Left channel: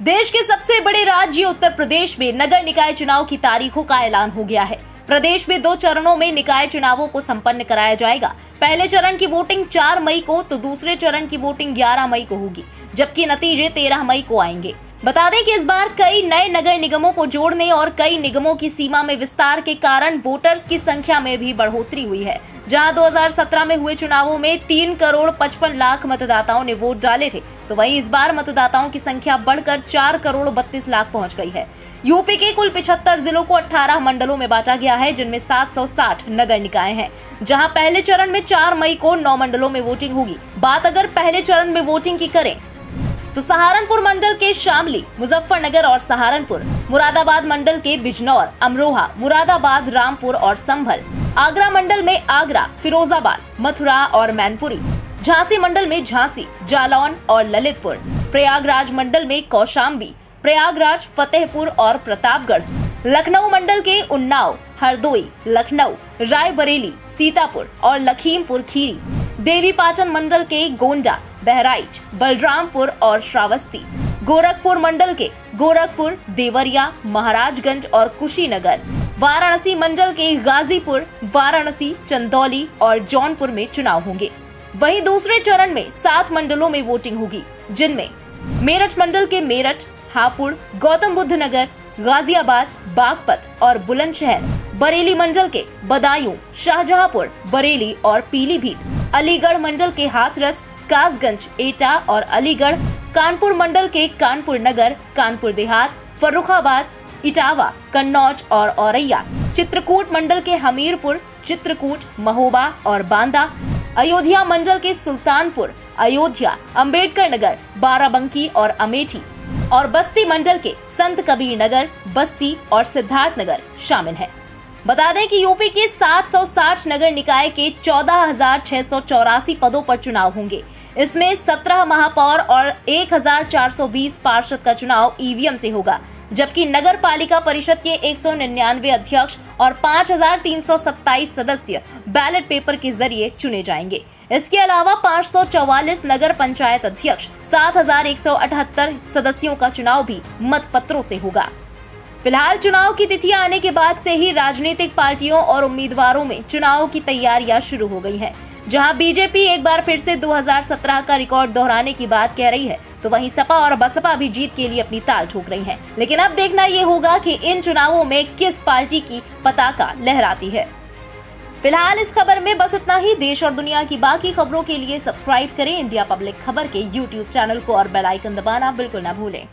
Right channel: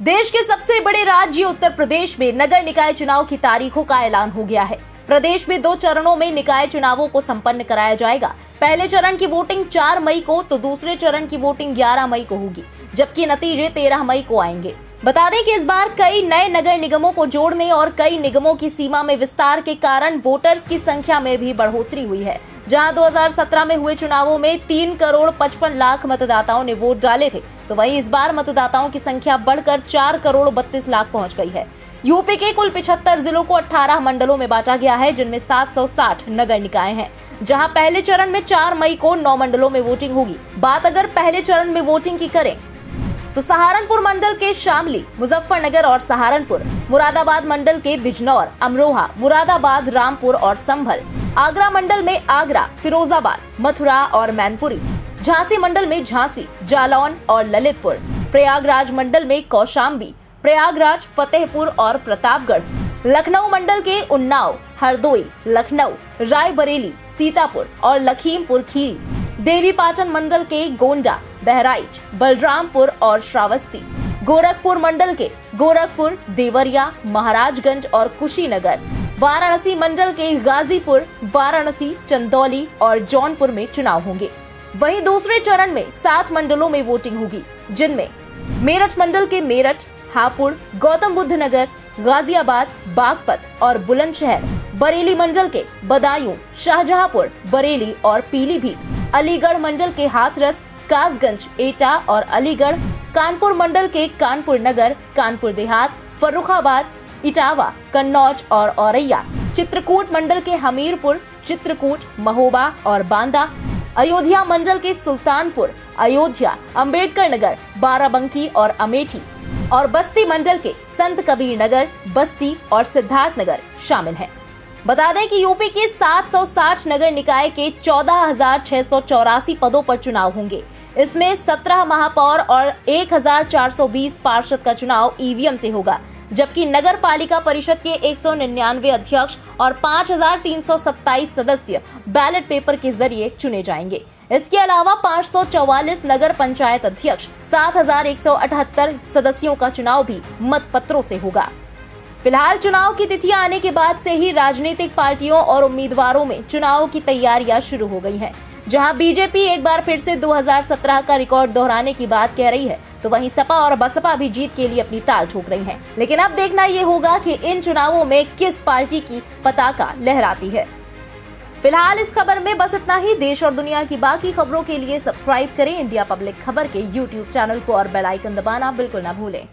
देश के सबसे बड़े राज्य उत्तर प्रदेश में नगर निकाय चुनाव की तारीखों का ऐलान हो गया है। प्रदेश में 2 चरणों में निकाय चुनावों को संपन्न कराया जाएगा। पहले चरण की वोटिंग 4 मई को तो दूसरे चरण की वोटिंग 11 मई को होगी, जबकि नतीजे 13 मई को आएंगे। बता दें कि इस बार कई नए नगर निगमों को जोड़ने और कई निगमों की सीमा में विस्तार के कारण वोटर्स की संख्या में भी बढ़ोतरी हुई है। जहां 2017 में हुए चुनावों में 3 करोड़ 55 लाख मतदाताओं ने वोट डाले थे, तो वहीं इस बार मतदाताओं की संख्या बढ़कर 4 करोड़ 32 लाख पहुंच गई है। यूपी के कुल 75 जिलों को 18 मंडलों में बांटा गया है, जिनमें 760 नगर निकाय हैं। जहां पहले चरण में 4 मई को 9 मंडलों में वोटिंग होगी। बात अगर पहले चरण में वोटिंग की करें तो सहारनपुर मंडल के शामली, मुजफ्फरनगर और सहारनपुर, मुरादाबाद मंडल के बिजनौर, अमरोहा, मुरादाबाद, रामपुर और संभल, आगरा मंडल में आगरा, फिरोजाबाद, मथुरा और मैनपुरी, झांसी मंडल में झांसी, जालौन और ललितपुर, प्रयागराज मंडल में कौशाम्बी, प्रयागराज, फतेहपुर और प्रतापगढ़, लखनऊ मंडल के उन्नाव, हरदोई, लखनऊ, रायबरेली, सीतापुर और लखीमपुर खीरी, देवीपाटन मंडल के गोंडा, बहराइच, बलरामपुर और श्रावस्ती, गोरखपुर मंडल के गोरखपुर, देवरिया, महाराजगंज और कुशीनगर, वाराणसी मंडल के गाजीपुर, वाराणसी, चंदौली और जौनपुर में चुनाव होंगे। वहीं दूसरे चरण में 7 मंडलों में वोटिंग होगी, जिनमें मेरठ मंडल के मेरठ, हापुड़, गौतम बुद्ध नगर, गाजियाबाद, बागपत और बुलंदशहर, बरेली मंडल के बदायूं, शाहजहांपुर, बरेली और पीलीभीत, अलीगढ़ मंडल के हाथरस, कासगंज, एटा और अलीगढ़, कानपुर मंडल के कानपुर नगर, कानपुर देहात, फर्रुखाबाद, इटावा, कन्नौज और औरैया, चित्रकूट मंडल के हमीरपुर, चित्रकूट, महोबा और बांदा, अयोध्या मंडल के सुल्तानपुर, अयोध्या, अंबेडकर नगर, बाराबंकी और अमेठी और बस्ती मंडल के संत कबीर नगर, बस्ती और सिद्धार्थ नगर शामिल हैं। बता दें कि यूपी के 760 नगर निकाय के 14,684 पदों पर चुनाव होंगे। इसमें 17 महापौर और 1,420 पार्षद का चुनाव ईवीएम से होगा, जबकि नगर पालिका परिषद के 199 अध्यक्ष और 5,327 सदस्य बैलेट पेपर के जरिए चुने जाएंगे। इसके अलावा 544 नगर पंचायत अध्यक्ष, 7,178 सदस्यों का चुनाव भी मतपत्रों से होगा। फिलहाल चुनाव की तिथियां आने के बाद से ही राजनीतिक पार्टियों और उम्मीदवारों में चुनाव की तैयारियां शुरू हो गई हैं। जहां बीजेपी एक बार फिर से 2017 का रिकॉर्ड दोहराने की बात कह रही है, तो वहीं सपा और बसपा भी जीत के लिए अपनी ताल ठोक रही हैं। लेकिन अब देखना ये होगा कि इन चुनावों में किस पार्टी की पताका लहराती है। फिलहाल इस खबर में बस इतना ही। देश और दुनिया की बाकी खबरों के लिए सब्सक्राइब करें इंडिया पब्लिक खबर के YouTube चैनल को और बेल आइकन दबाना बिल्कुल न भूलें।